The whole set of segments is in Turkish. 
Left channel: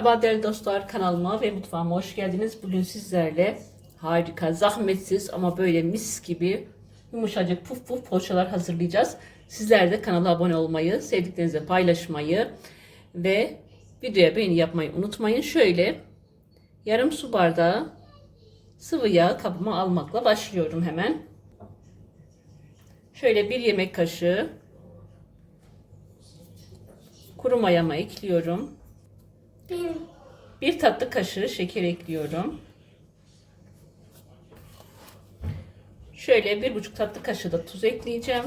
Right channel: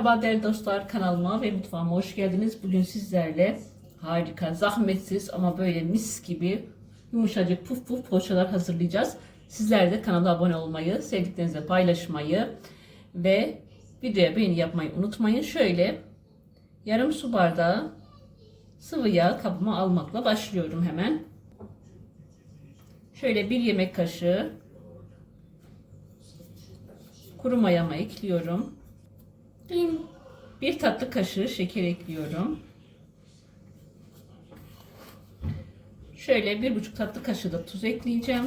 Merhaba değerli dostlar kanalıma ve mutfağıma hoş geldiniz. Bugün sizlerle harika, zahmetsiz ama böyle mis gibi yumuşacık puf puf poğaçalar hazırlayacağız. Sizler de kanala abone olmayı, sevdiklerinizle paylaşmayı ve videoya beğeni yapmayı unutmayın. Şöyle yarım su bardağı sıvı yağ kabıma almakla başlıyorum hemen. Şöyle bir yemek kaşığı kuru mayamı ekliyorum. Bir tatlı kaşığı şeker ekliyorum. Şöyle bir buçuk tatlı kaşığı da tuz ekleyeceğim.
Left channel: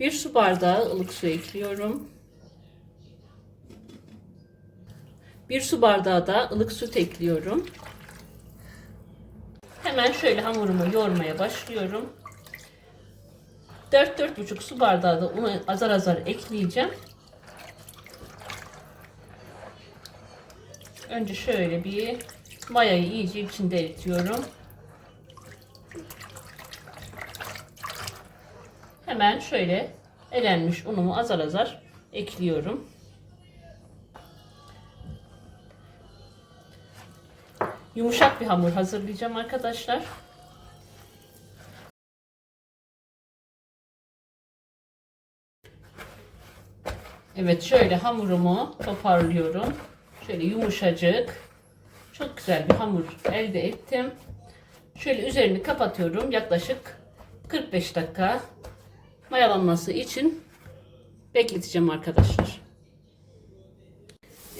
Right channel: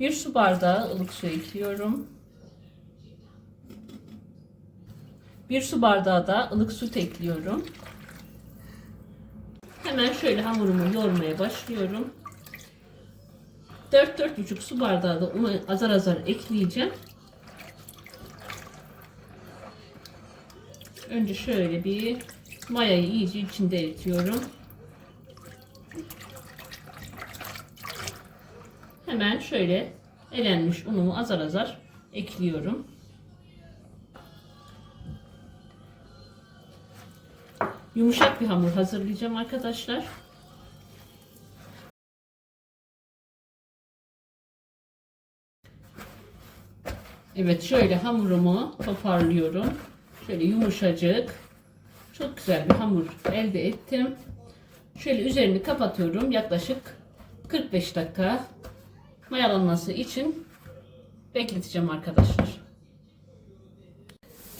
Bir su bardağı ılık su ekliyorum. Bir su bardağı da ılık süt ekliyorum. Hemen şöyle hamurumu yoğurmaya başlıyorum. 4-4,5 su bardağı da unu azar azar ekleyeceğim. Önce şöyle bir mayayı iyice içinde eritiyorum. Hemen şöyle elenmiş unumu azar azar ekliyorum. Yumuşak bir hamur hazırlayacağım arkadaşlar. Evet şöyle hamurumu toparlıyorum. Şöyle yumuşacık. Çok güzel bir hamur elde ettim. Şöyle üzerini kapatıyorum. Yaklaşık 45 dakika mayalanması için bekleteceğim arkadaşlar.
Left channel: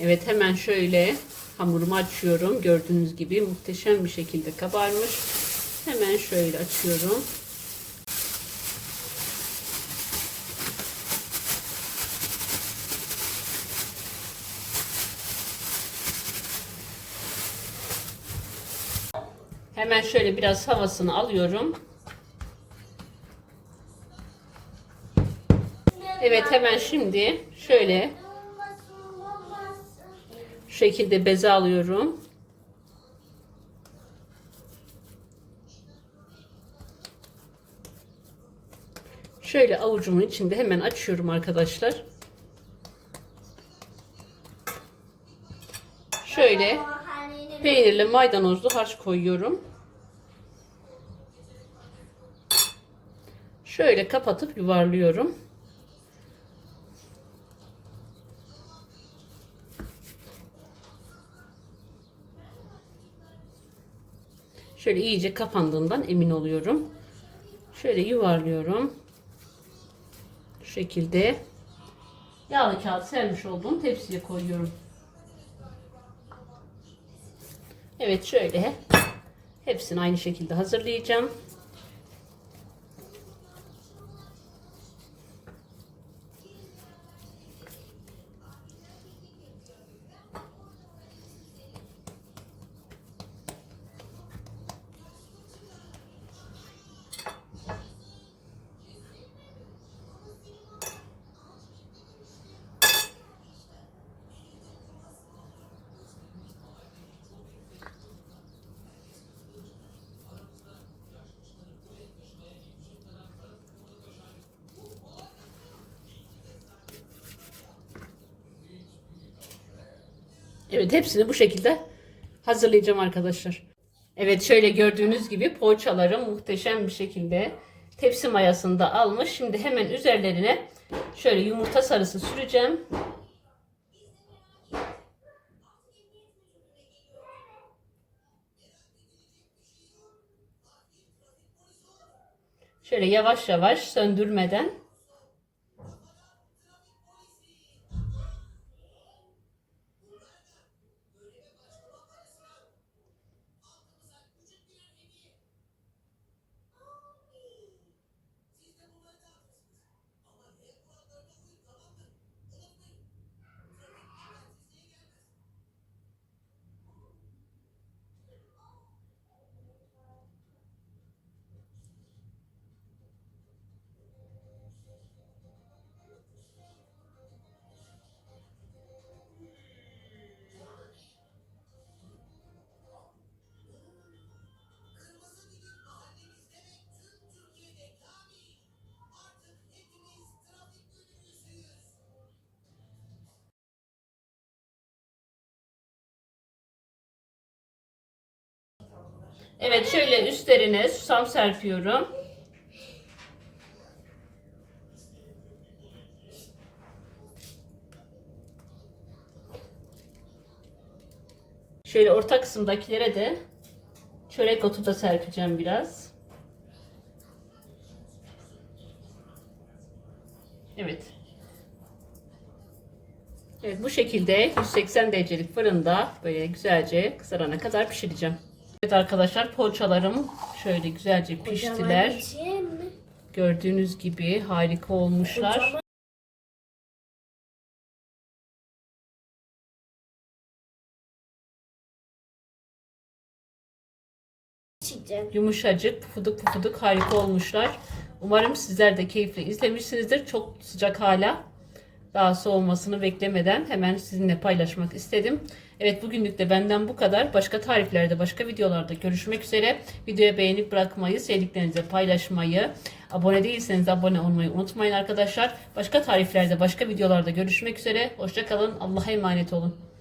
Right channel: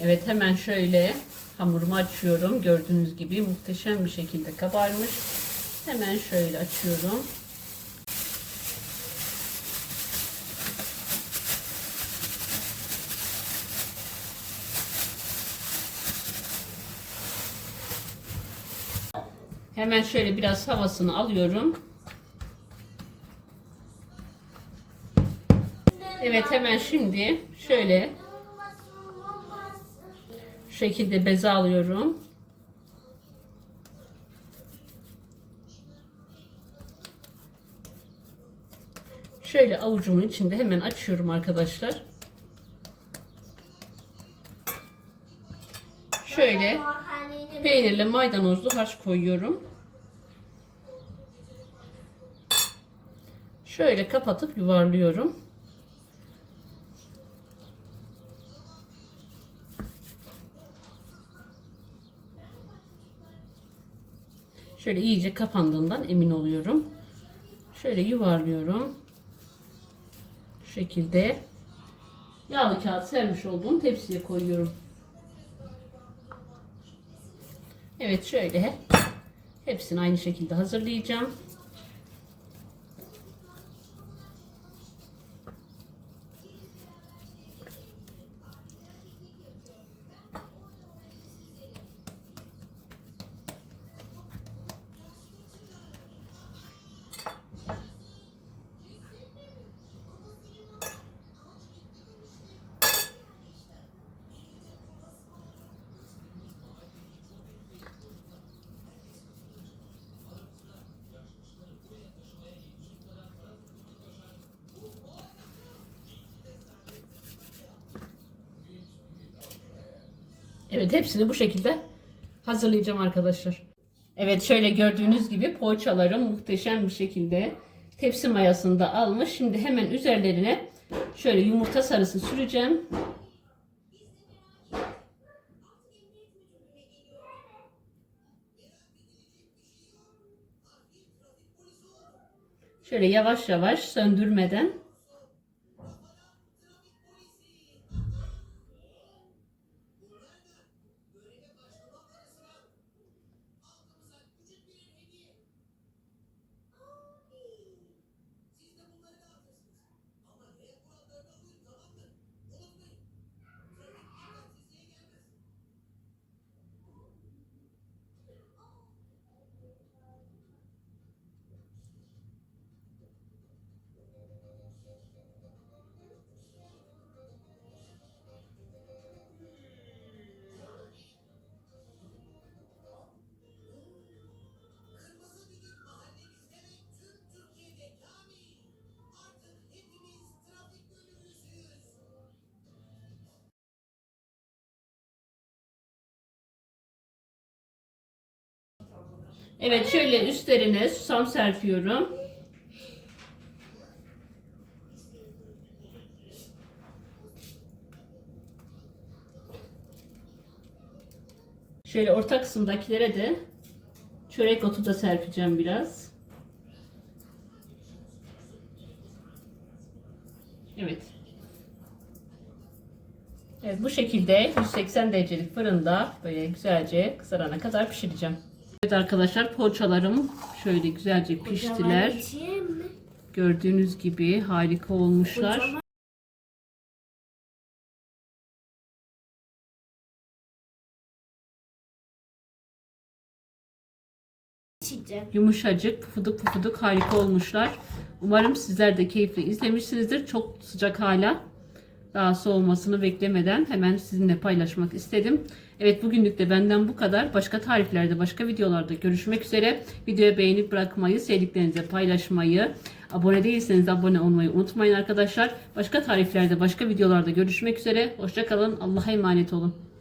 Evet hemen şöyle hamurumu açıyorum. Gördüğünüz gibi muhteşem bir şekilde kabarmış. Hemen şöyle açıyorum. Hemen şöyle biraz havasını alıyorum. Evet hemen şimdi şöyle şu şekilde beze alıyorum. Şöyle avucumun içinde hemen açıyorum arkadaşlar. Şöyle peynirli maydanozlu harç koyuyorum. Şöyle kapatıp yuvarlıyorum. Şöyle iyice kapandığından emin oluyorum. Şöyle yuvarlıyorum. Şu şekilde yağlı kağıt sermiş olduğum tepsiye koyuyorum. Evet şöyle hepsini aynı şekilde hazırlayacağım. Evet hepsini bu şekilde hazırlayacağım arkadaşlar. Evet şöyle gördüğünüz gibi poğaçalarım muhteşem bir şekilde tepsi mayasında almış. Şimdi hemen üzerlerine şöyle yumurta sarısı süreceğim. Şöyle yavaş yavaş söndürmeden Evet şöyle üstlerine susam serpiyorum. Şöyle orta kısımdakilere de çörek otu da serpeceğim biraz. Evet. Evet bu şekilde 180 derecelik fırında böyle güzelce kızarana kadar pişireceğim. Evet arkadaşlar poğaçalarım şöyle güzelce piştiler. Gördüğünüz gibi harika olmuşlar. Yumuşacık, pufuduk pufuduk harika olmuşlar. Umarım sizler de keyifli izlemişsinizdir. Çok sıcak hala. Daha soğumasını beklemeden hemen sizinle paylaşmak istedim. Evet bugünlük de benden bu kadar. Başka tariflerde, başka videolarda görüşmek üzere. Videoya beğenip bırakmayı, sevdiklerinize paylaşmayı, abone değilseniz abone olmayı unutmayın arkadaşlar. Başka tariflerde, başka videolarda görüşmek üzere. Hoşçakalın. Allah'a emanet olun.